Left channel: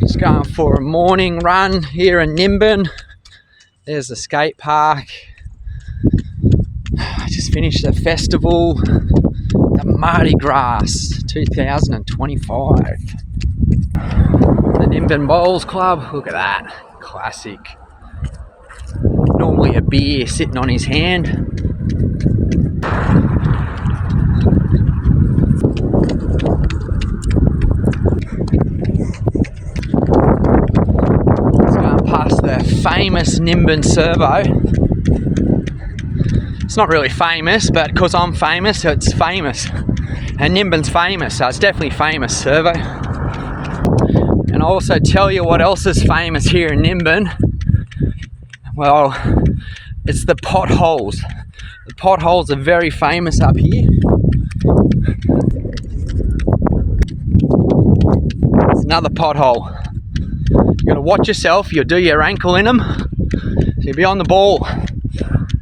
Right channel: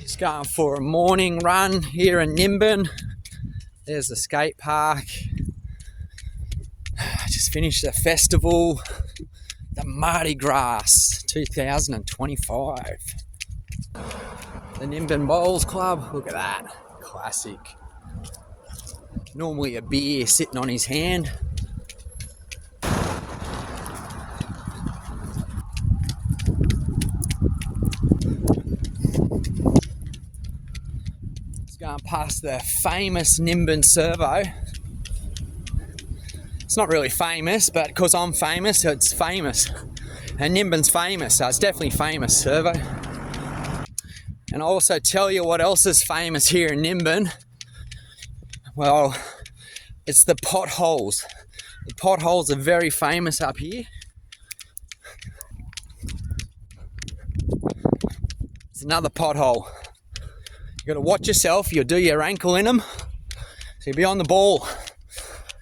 Just going for a morning run here in Nimbin. There's the skate park. I just finished the festival, the Mardi Gras 2025. The Nimbin Bowls Club, look at that, classic. Normally a beer sitting on his hand. Past the famous Nimbin servo. It's not really famous, but because I'm famous, it's famous. And Nimbin's famous, so it's definitely famous servo. And I'll also tell you what else is famous here in Nimbin. Well, it's the potholes. The potholes are very famous up here. It's another pothole. You gotta watch yourself, you'll do your ankle in them, so you'll be on the ball.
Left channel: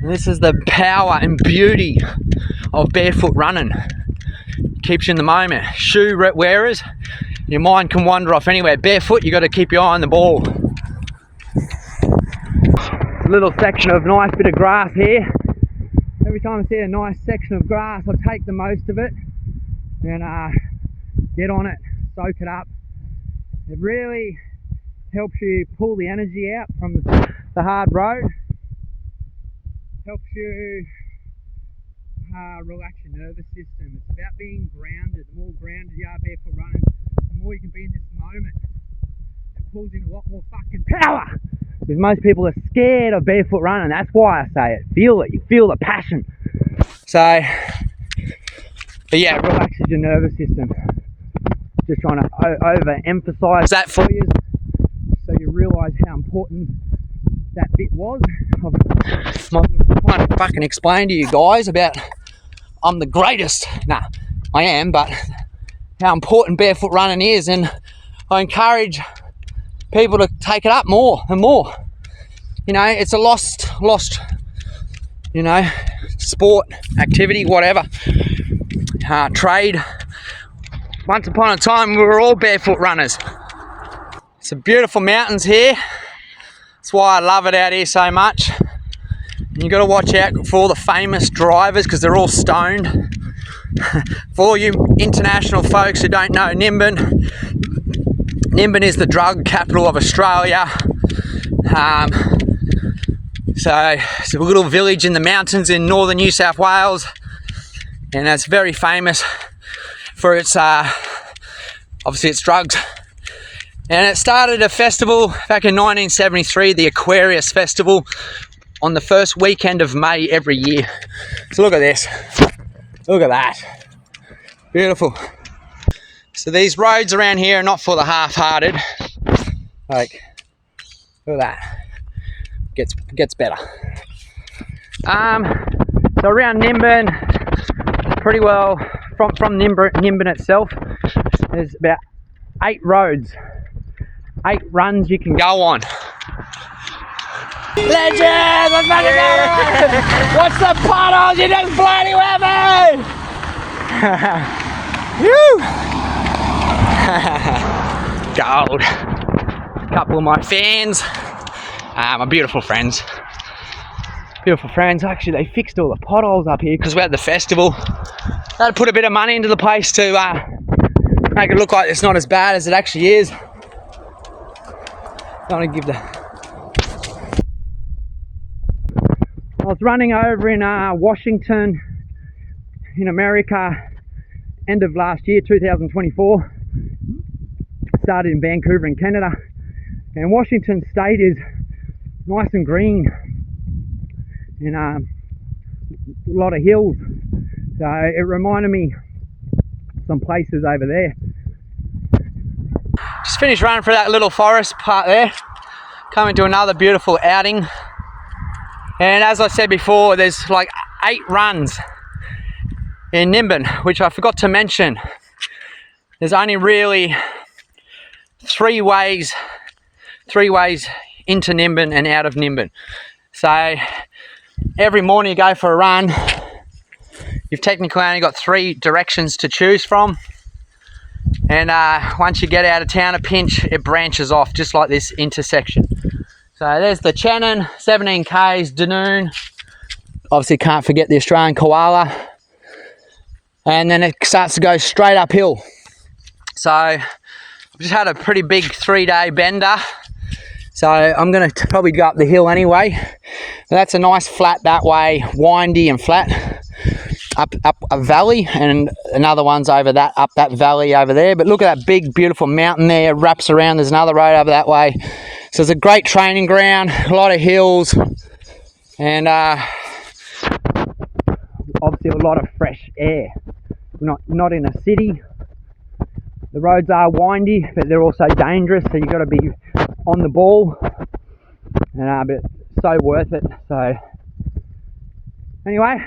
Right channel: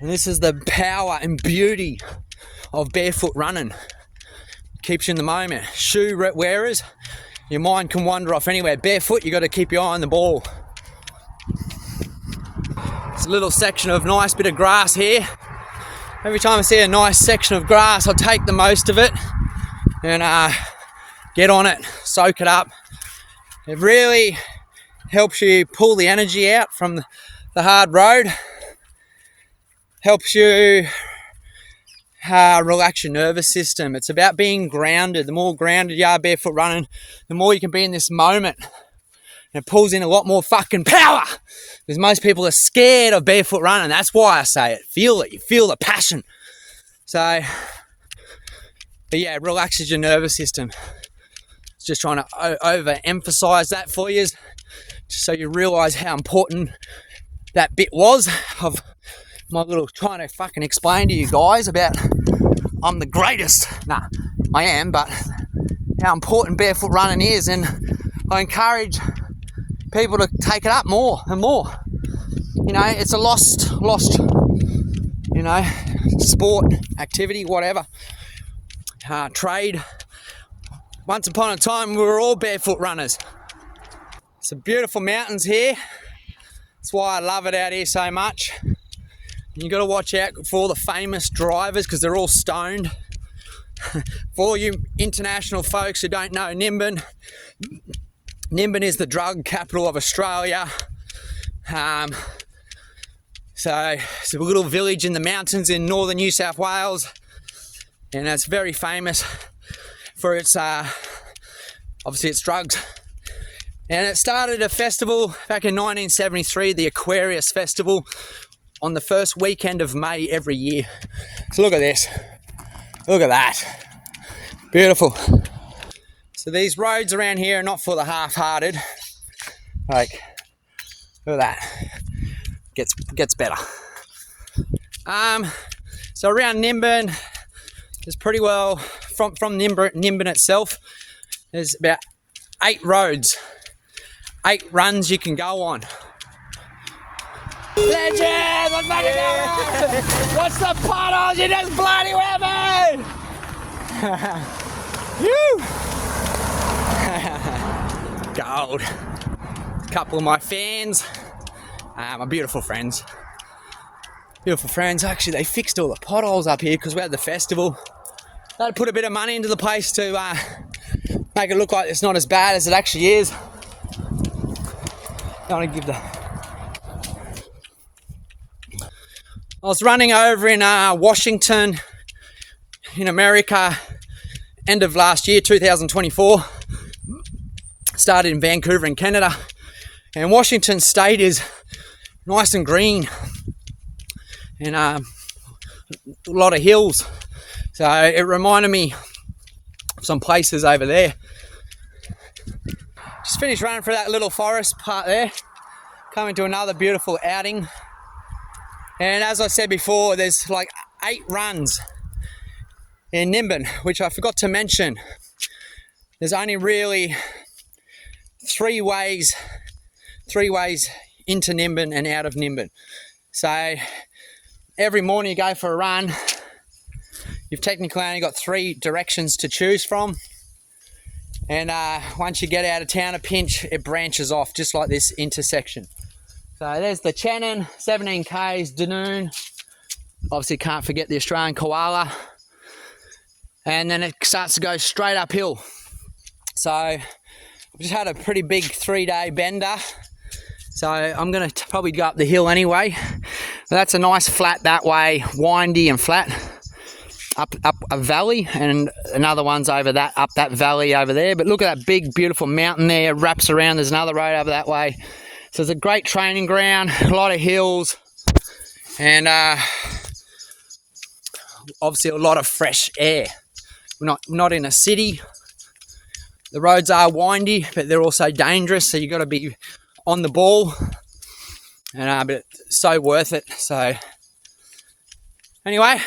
And this is the power and beauty of barefoot running. Keeps you in the moment. Shoe wearers, your mind can wander off anywhere. Barefoot, you gotta keep your eye on the ball. It's a little section of nice bit of grass here. Every time I see a nice section of grass, I take the most of it and get on it, soak it up. It really helps you pull the energy out from the hard road. Helps you relax your nervous system. It's about being grounded. The more grounded you are barefoot running, the more you can be in this moment. And it pulls in a lot more fucking power. Because most people are scared of barefoot running. That's why I say it. Feel it. You feel the passion. So, but yeah, it relaxes your nervous system. Just trying to overemphasize that for you, just so you realise how important that bit was of my little trying to fucking explain to you guys about I'm the greatest. Nah, I am, but how important barefoot running is, and I encourage people to take it up more and more. You know, it's a lost, you know, sport, activity, whatever, trade. Once upon a time, we were all barefoot runners. Some beautiful mountains here. That's why I love it out here so much. And you got to watch out for all the famous drivers because they're all stoned. For all you international folks who don't know Nimbin, Nimbin is the drug capital of Australia. So it's a little village in the mountains in northern New South Wales, and it's very famous for its obviously its drugs. And it started a festival back in 1973, the Aquarius Festival, on the first weekend of May every year. So look at this, look at that, beautiful. So these roads around here are not for the half-hearted. Like, look at that, gets better. So around Nimbin, it's pretty well, from Nimbin itself, there's about 8 roads, 8 runs you can go on. Legend! Let's make it go! What's the potholes? You just bloody weapon! Woo! Gold. A couple of my fans, my beautiful friends. Beautiful friends. Actually, they fixed all the potholes up here because we're at the festival. They had to put a bit of money into the place to make it look like it's not as bad as it actually is. I want to give the... I was running over in Washington, in America, end of last year, 2024. Started in Vancouver in Canada. And Washington State is nice and green. And a lot of hills. So it reminded me of some places over there. Just finished running through that little forest part there. Coming to another beautiful outing. And as I said before, there's like 8 runs in Nimbin, which I forgot to mention. There's only really 3 ways into Nimbin and out of Nimbin. So every morning you go for a run, you've technically only got 3 directions to choose from. And once you get out of town a pinch, it branches off just like this intersection. So there's the Channon, 17 Ks, Dunoon. Obviously can't forget the Australian koala. And then it starts to go straight uphill. So I've just had a pretty big 3-day bender. So I'm going to probably go up the hill anyway. That's a nice flat that way, windy and flat. Up a valley, and another one's over that, up that valley over there. But look at that big, beautiful mountain there, wraps around. There's another road over that way. So it's a great training ground, a lot of hills, and obviously a lot of fresh air. Not in a city. The roads are windy, but they're also dangerous, so you've got to be on the ball. And but it's so worth it. So anyway,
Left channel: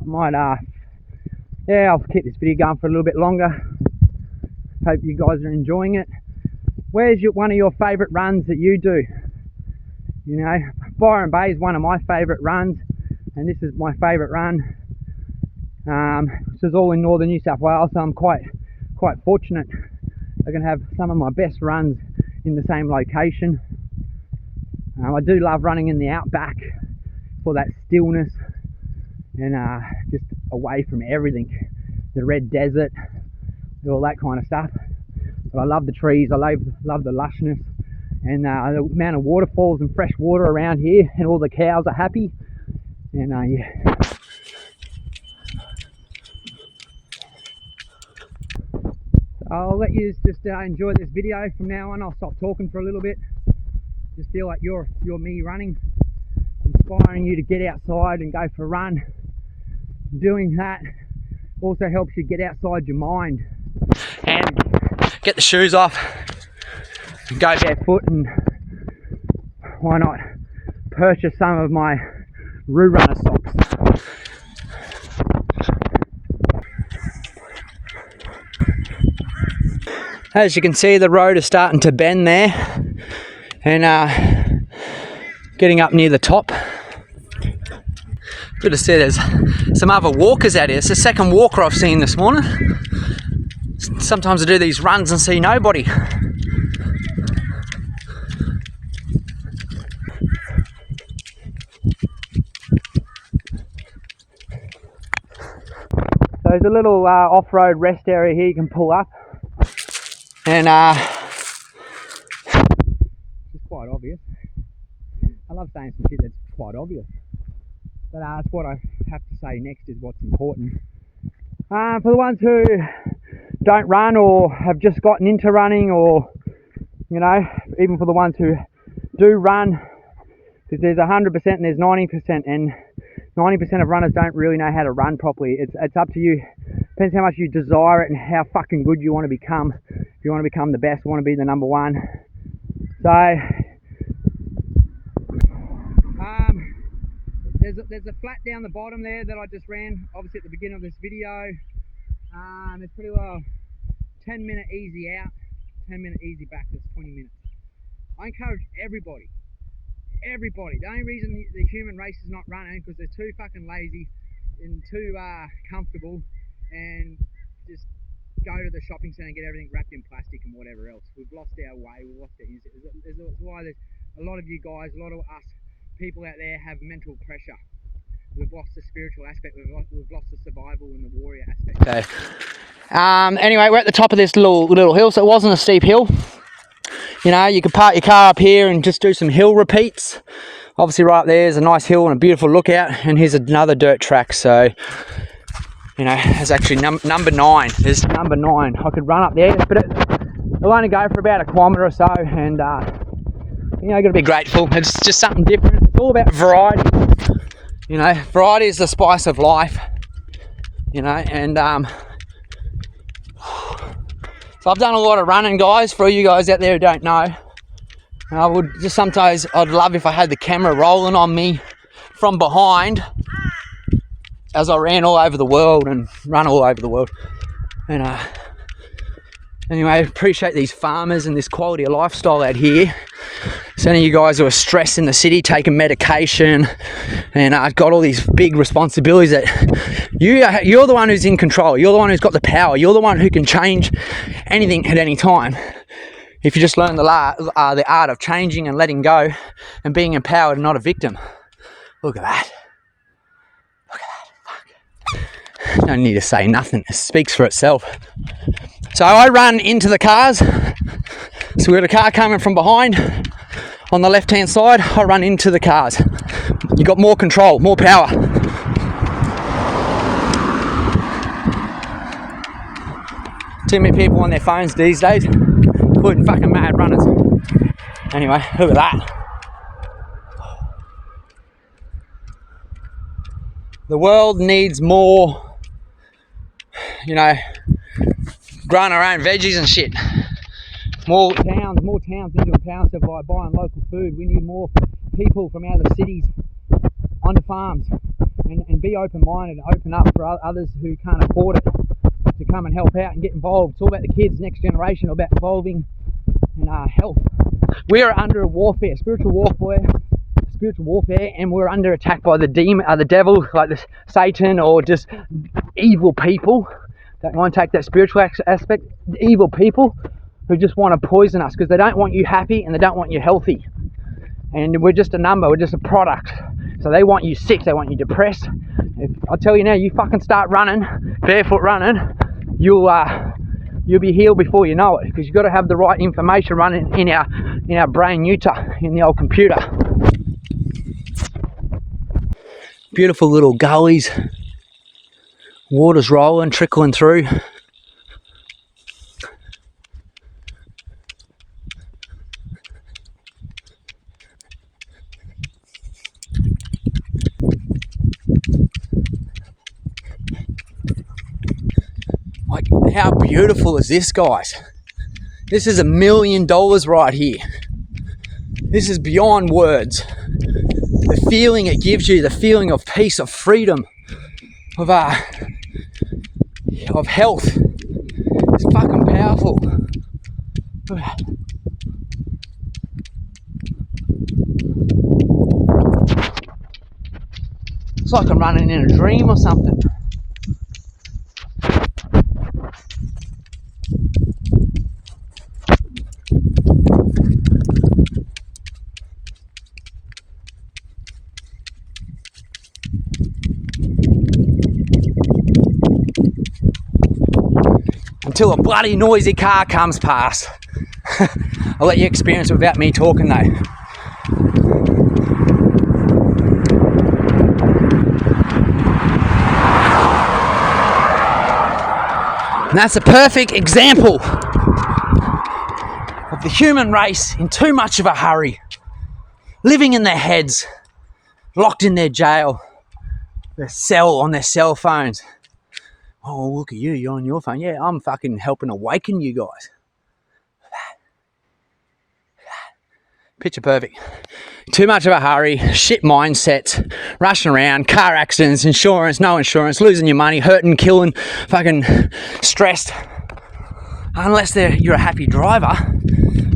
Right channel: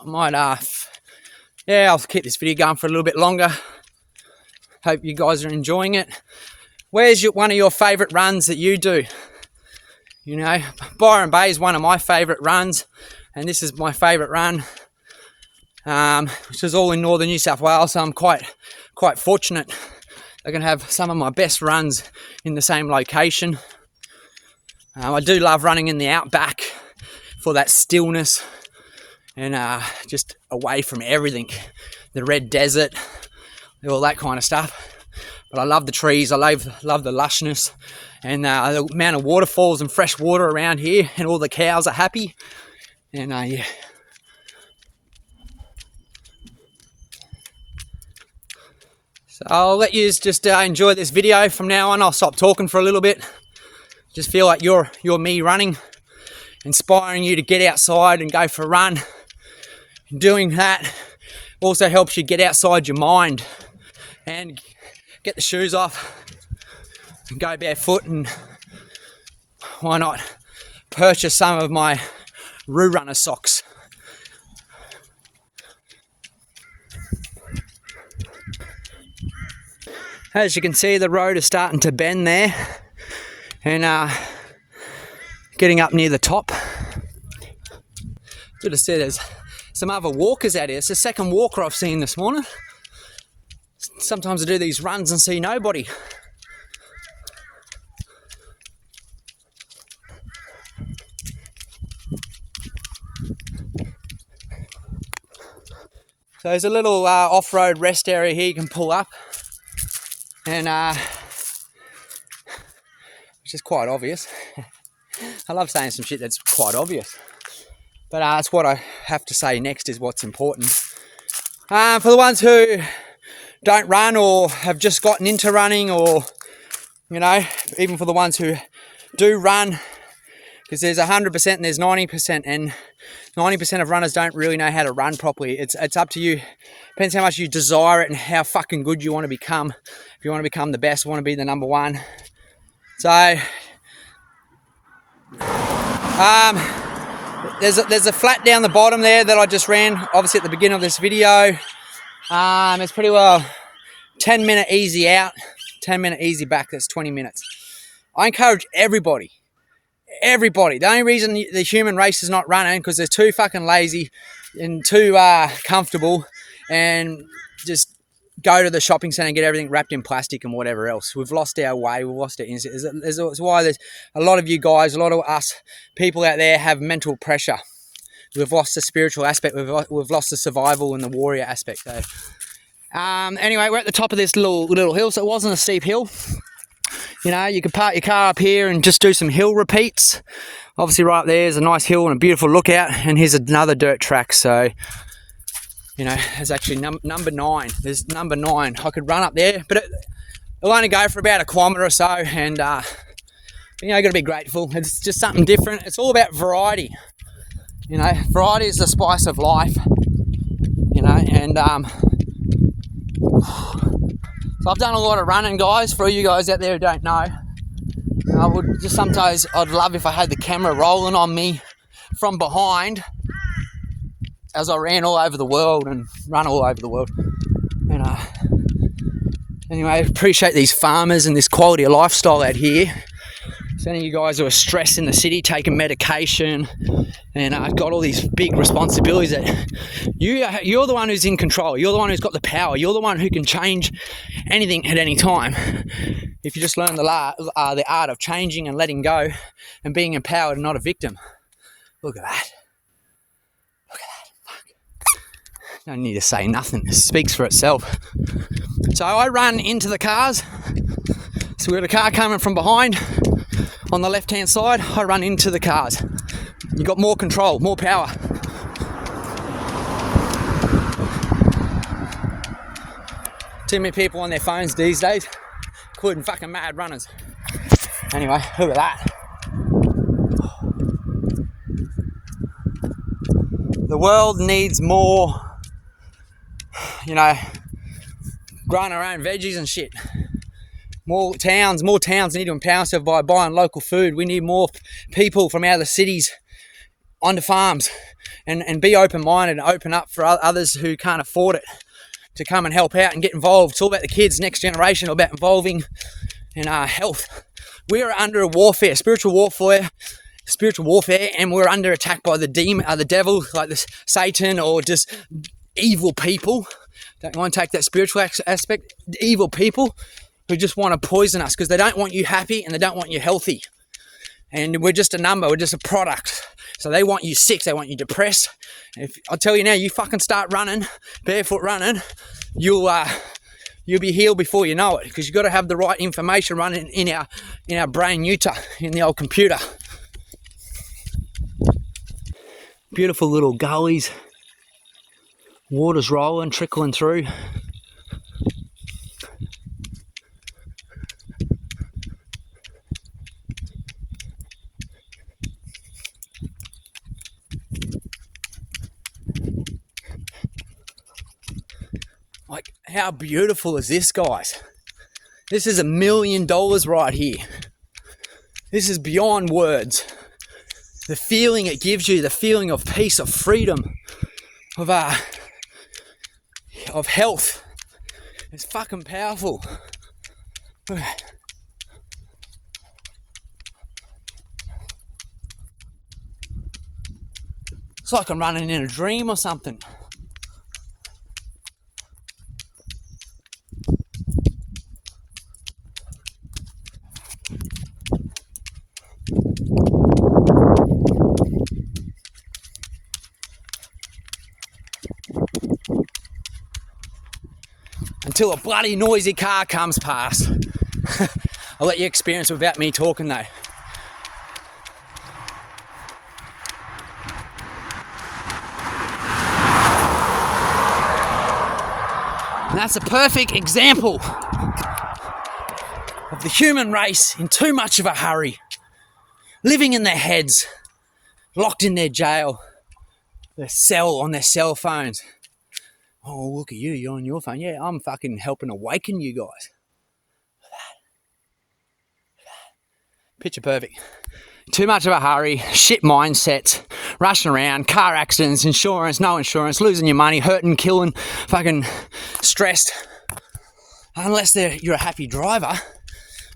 I might I'll keep this video going for a little bit longer. Hope you guys are enjoying it. Where's one of your favourite runs that you do? You know, Byron Bay is one of my favourite runs, and this is my favourite run, which is all in northern New South Wales. So I'm quite fortunate. I can have some of my best runs in the same location. I do love running in the outback for that stillness and just away from everything, the red desert, all that kind of stuff. But I love the trees, I love the lushness, and the amount of waterfalls and fresh water around here, and all the cows are happy. And yeah. So I'll let you just enjoy this video from now on. I'll stop talking for a little bit. Just feel like you're me running, inspiring you to get outside and go for a run. Doing that also helps you get outside your mind and get the shoes off and go barefoot, and why not purchase some of my Roo runner socks. As you can see, the road is starting to bend there, and getting up near the top. Good to see there's some other walkers out here. It's the second walker I've seen this morning. Sometimes I do these runs and see nobody. So there's a little off-road rest area here you can pull up, and which is quite obvious. I love saying some shit that's quite obvious. But that's what I have to say next is what's important. For the ones who don't run or have just gotten into running, or, you know, even for the ones who do run, because there's 100% and there's 90%, and 90% of runners don't really know how to run properly. It's up to you. Depends how much you desire it and how fucking good you want to become. If you want to become the best, want to be the number one. So, there's a flat down the bottom there that I just ran, obviously at the beginning of this video. It's pretty well 10-minute easy out, 10-minute easy back. That's 20 minutes. I encourage everybody. The only reason the human race is not running because they're too fucking lazy and too comfortable, and just go to the shopping centre and get everything wrapped in plastic and whatever else. We've lost our way. We've lost our instinct. That's why there's a lot of you guys, a lot of us people out there have mental pressure. We've lost the spiritual aspect. We've lost the survival and the warrior aspect there. Anyway, we're at the top of this little hill, so it wasn't a steep hill. You know, you could park your car up here and just do some hill repeats. Obviously right there is a nice hill and a beautiful lookout, and here's another dirt track. So, you know, there's actually number 9. There's number 9. I could run up there, but it'll only go for about 1 kilometre or so, and you know, you've got to be grateful. It's just something different. It's all about variety. You know, variety is the spice of life. You know, and so I've done a lot of running, guys. For you guys out there who don't know, I would just sometimes, I'd love if I had the camera rolling on me from behind as I ran all over the world and run all over the world. And anyway, appreciate these farmers and this quality of lifestyle out here. So any of you guys who are stressed in the city, taking medication, and got all these big responsibilities, that you're the one who's in control. You're the one who's got the power. You're the one who can change anything at any time. If you just learn the art of changing and letting go and being empowered and not a victim. Look at that. Look at that. Fuck. Don't need to say nothing. It speaks for itself. So I run into the cars. So we've got a car coming from behind on the left-hand side. I run into the cars. You got more control, more power. Too many people on their phones these days, including fucking mad runners. Anyway, look at that. The world needs more, growing our own veggies and shit. More towns need to empower themselves by buying local food. We need more people from out of the cities onto farms and be open-minded and open up for others who can't afford it to come and help out and get involved. It's all about the kids, next generation, all about involving in health. We are under a warfare, spiritual warfare, and we're under attack by the demon, the devil, like this Satan, or just evil people. Don't want to take that spiritual aspect. Evil people who just want to poison us because they don't want you happy and they don't want you healthy. And we're just a number, we're just a product. So they want you sick, they want you depressed. I'll tell you now, you fucking start running, barefoot running, you'll be healed before you know it, because you've got to have the right information running in our brain in the old computer. Beautiful little gullies, water's rolling, trickling through. Like, how beautiful is this, guys? This is $1 million right here. This is beyond words. The feeling it gives you, the feeling of peace, of freedom, of health. It's fucking powerful. Look at that. It's like I'm running in a dream or something. Until a bloody noisy car comes past. I'll let you experience it without me talking though. And that's a perfect example of the human race in too much of a hurry, living in their heads, locked in their jail, their cell on their cell phones. Oh, look at you, you're on your phone. Yeah, I'm fucking helping awaken you guys. Picture perfect. Too much of a hurry, shit mindset, rushing around, car accidents, insurance, no insurance, losing your money, hurting, killing, fucking stressed. Unless you're a happy driver.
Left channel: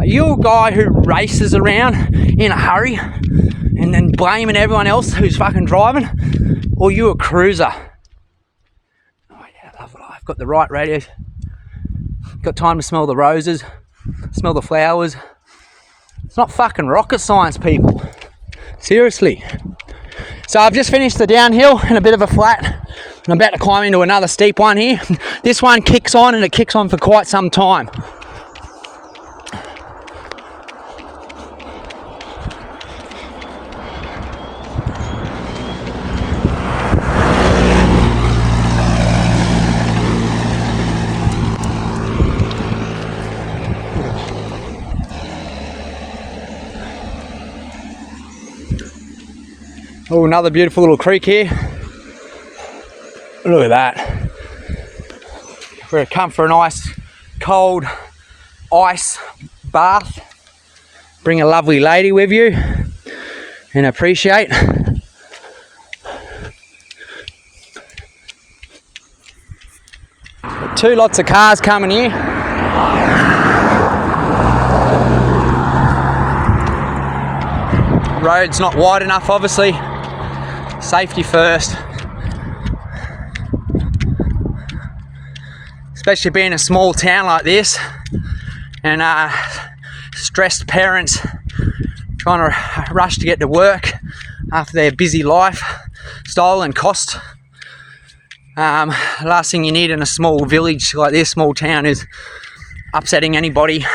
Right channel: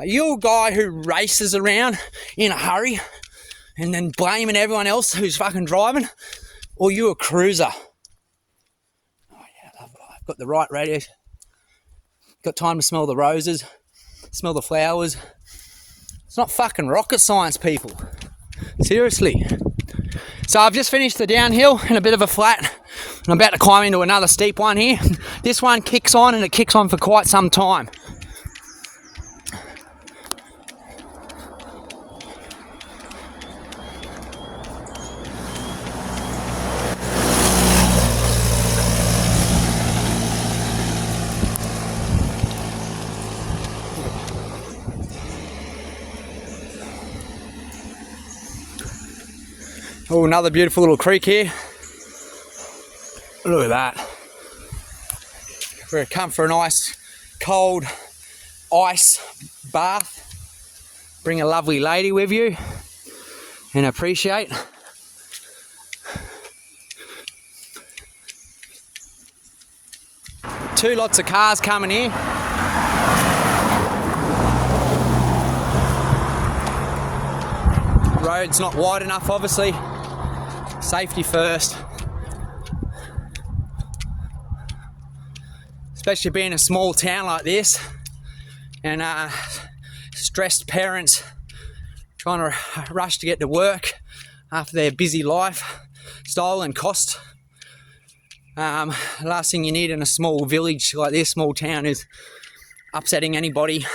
Are you a guy who races around in a hurry and then blaming everyone else who's fucking driving? Or you a cruiser? I've got the right radio. Got time to smell the roses, smell the flowers. It's not fucking rocket science, people. Seriously. So I've just finished the downhill and a bit of a flat. And I'm about to climb into another steep one here. This one kicks on, and it kicks on for quite some time. Oh, another beautiful little creek here. Look at that. We're going to come for a nice cold ice bath. Bring a lovely lady with you and appreciate. Two lots of cars coming here. road's not wide enough, obviously. Safety first. Especially being a small town like this, and stressed parents trying to rush to get to work after their busy lifestyle and cost. Last thing you need in a small village like this, small town, is upsetting anybody. It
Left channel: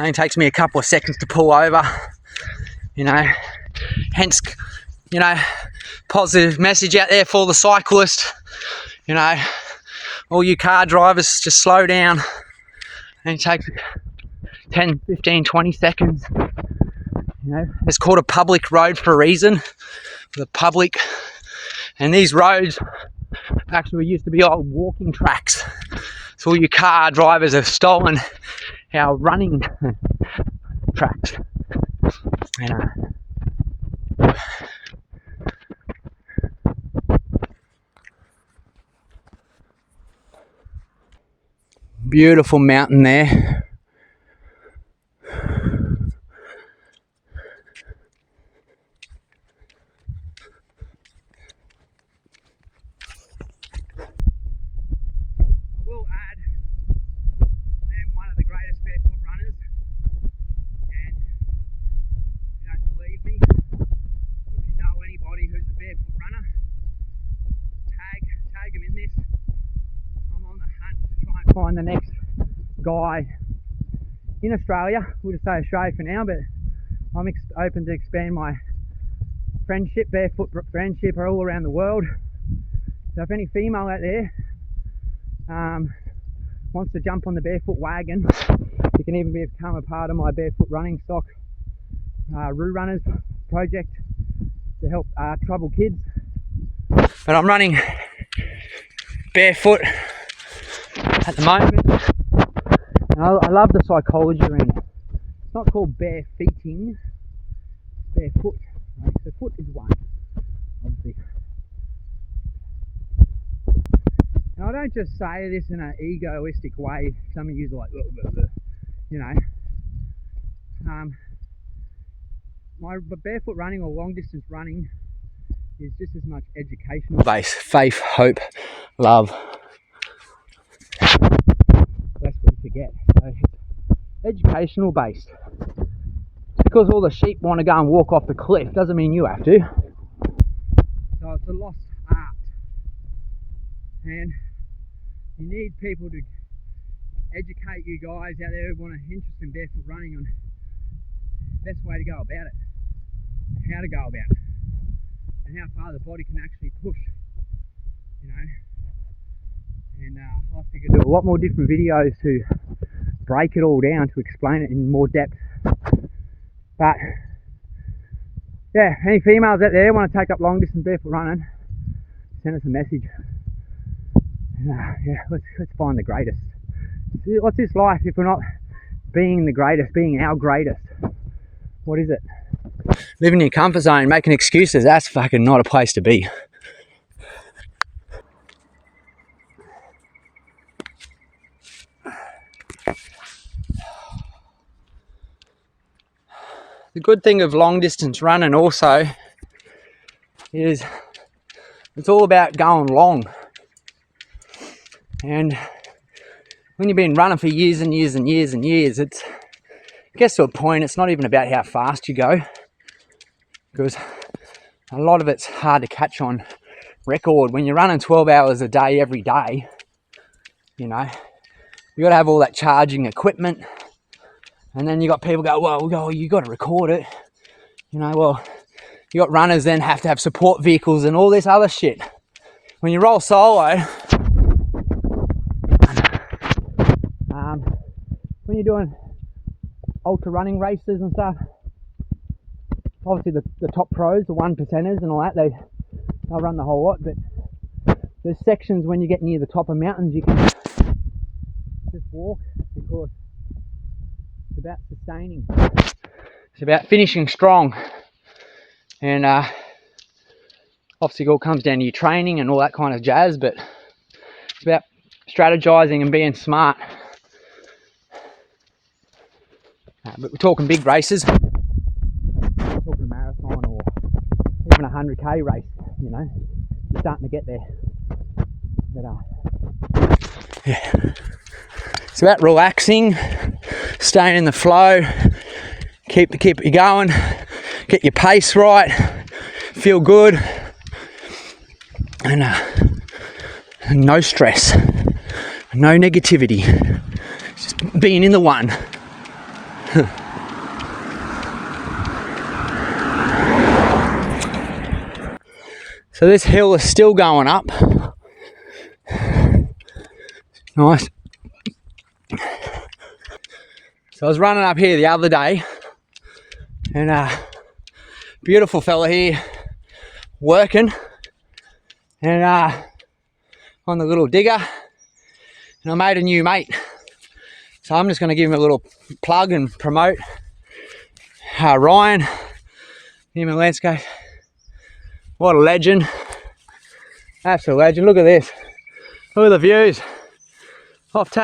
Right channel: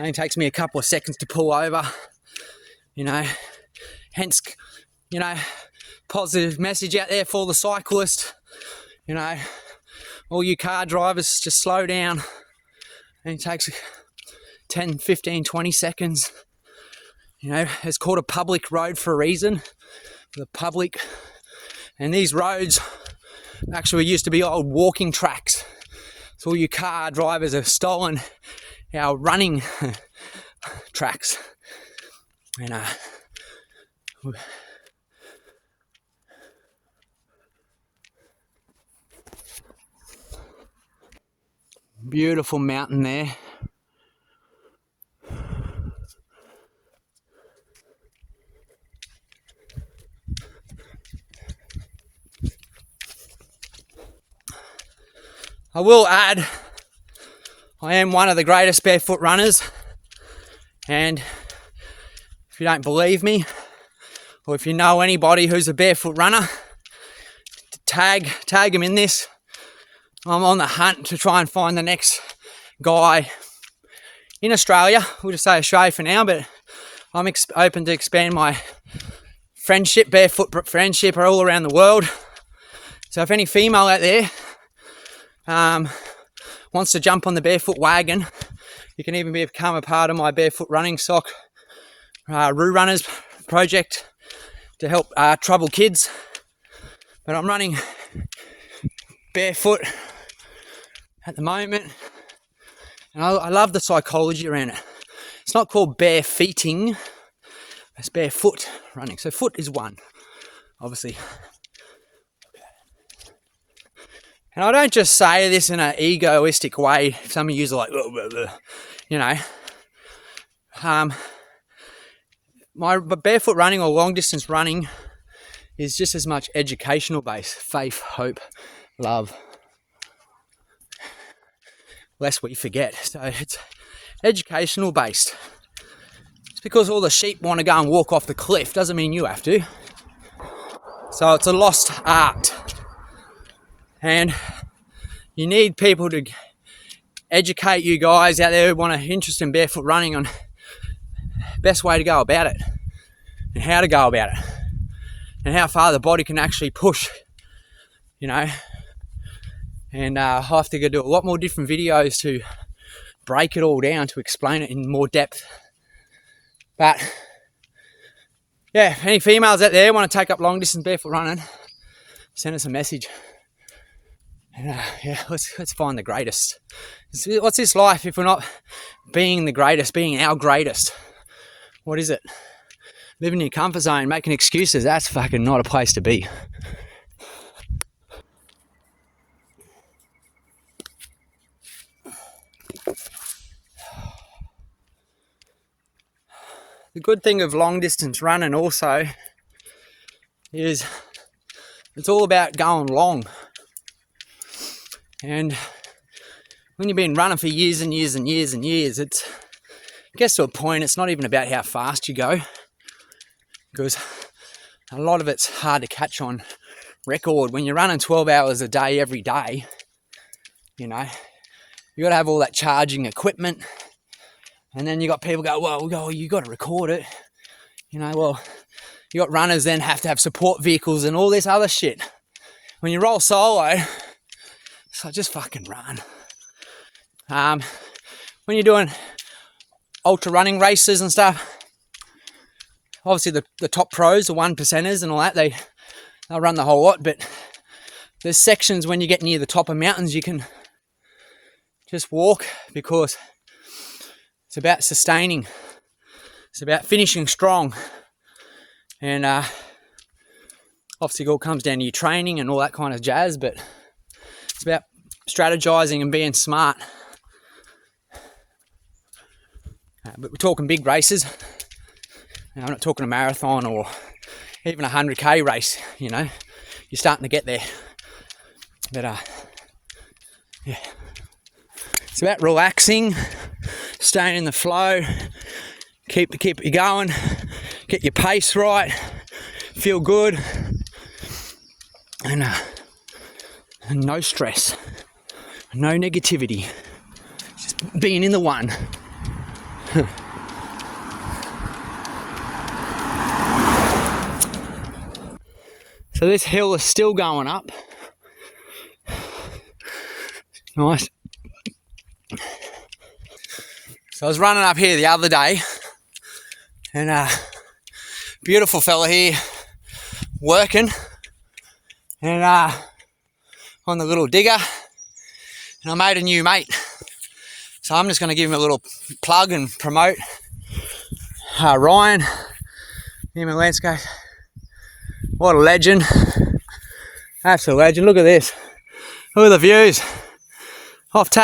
only takes me a couple of seconds to pull over, you know. Hence, you know, positive message out there for the cyclist, you know. All you car drivers, just slow down. And it takes 10, 15, 20 seconds. You know, it's called a public road for a reason. The public. And these roads actually used to be old walking tracks. So all you car drivers have stolen our running tracks. And beautiful mountain there. I will add, I am one of the greatest barefoot runners, and if you don't believe me, or if you know anybody who's a barefoot runner, tag them in this. I'm on the hunt to try and find the next guy in Australia. We'll just say Australia for now, but I'm open to expand my friendship, barefoot friendship, all around the world. So if any female out there wants to jump on the barefoot wagon, you can even become a part of my barefoot running sock Roo Runners project to help troubled kids. But I'm running barefoot at the moment, and I love the psychology around it. It's not called bare feeting, it's barefoot running. So foot is one, obviously. And I don't just say this in an egoistic way. Some of you are like, blah, blah, blah, you know. My barefoot running or long distance running is just as much educational based. Faith, hope, love. Lest we forget. So it's educational based. Just because all the sheep want to go and walk off the cliff doesn't mean you have to. So it's a lost art. And you need people to educate you guys out there who want an interest in barefoot running on the best way to go about it, and how to go about it, and how far the body can actually push, you know. And I'll have to go do a lot more different videos to break it all down, to explain it in more depth. But yeah, any females out there want to take up long distance barefoot running, send us a message. And yeah, let's find the greatest. What's this life if we're not being the greatest, being our greatest? What is it? Living in your comfort zone, making excuses, that's fucking not a place to be. The good thing of long distance running also is it's all about going long. And when you've been running for years and years and years and years, it gets to a point, it's not even about how fast you go, because a lot of it's hard to catch on record. When you're running 12 hours a day, every day, you know, you got to have all that charging equipment. And then you got people go, well, you got to record it. You know, well, you got runners then have to have support vehicles and all this other shit. When you roll solo, so just fucking run. When you're doing ultra running races and stuff, obviously the top pros, the 1%ers and all that, they'll run the whole lot, but there's sections when you get near the top of mountains you can just walk, because it's about sustaining. It's about finishing strong. And obviously it all comes down to your training and all that kind of jazz, but it's about strategizing and being smart. But we're talking big races. We're talking a marathon or even a 100k race, you know, you're starting to get there. But yeah, it's about relaxing, staying in the flow, keep you going, get your pace right, feel good, and no stress, no negativity, just being in the one. So this hill is still going up. Nice. So I was running up here the other day, and beautiful fella here working, and on the little digger, and I made a new mate. So I'm just going to give him a little plug and promote Ryan, him in landscape. What a legend. That's a legend. Look at this. Look at the views. Off tap.